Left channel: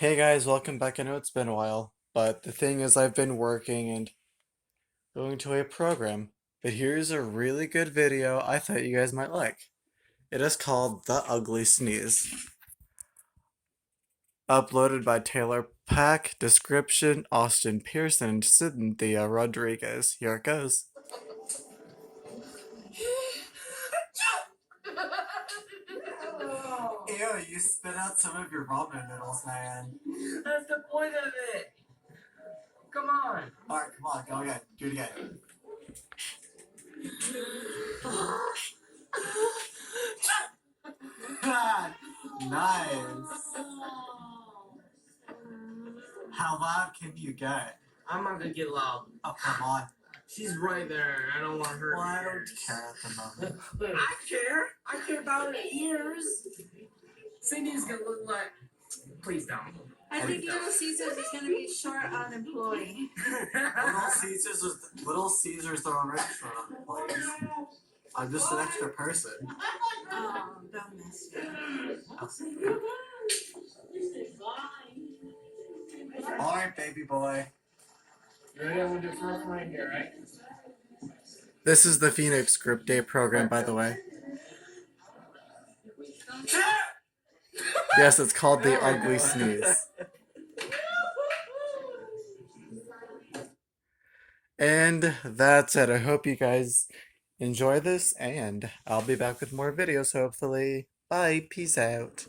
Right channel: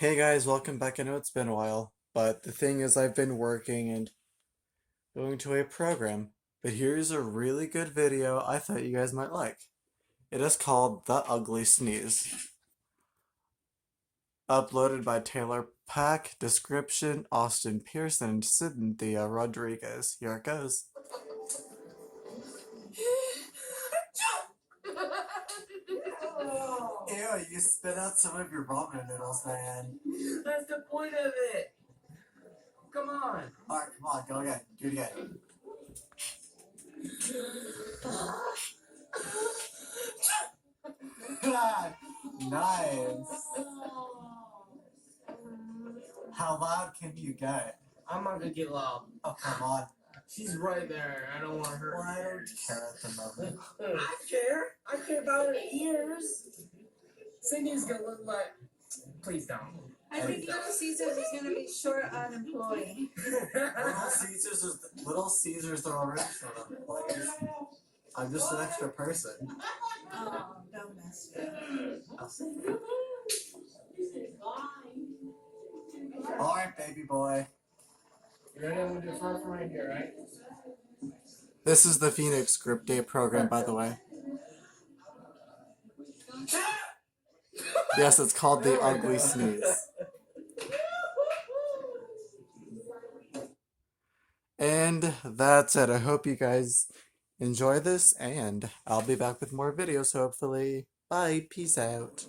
Hey guys, welcome back. I know it's been a while, but the thing is, I've been working and going to a program. But here's a really good video I thought you guys might like. It is called The Ugly Sneeze. Uploaded by Taylor Pack, description Austin Pearson, and Cynthia Rodriguez. Here it goes. Ew, you spit out some of your ramen noodles, man. That's the point of it. Come on. Alright, come on, go again. Do it again. Nice. How loud can you get? I'm not gonna get loud. Oh, come on. She's right there. I don't want her. Well, I don't care at the moment. I care. I care about her ears. Cindy's gonna look like. Please don't. I think Little Caesars is going to be short on employee. Little Caesars are already short on employees. I'm just an extra person. Oh, don't mess with me. Alright, baby boy. You ready? I'm gonna do first right here, right? This is the Phoenix Group Day program, by the way. Yes, it's called The Ugly Sneeze. And that's it. I hope you guys enjoy this, and I'll be back with more videos, hopefully. Bye. Peace out.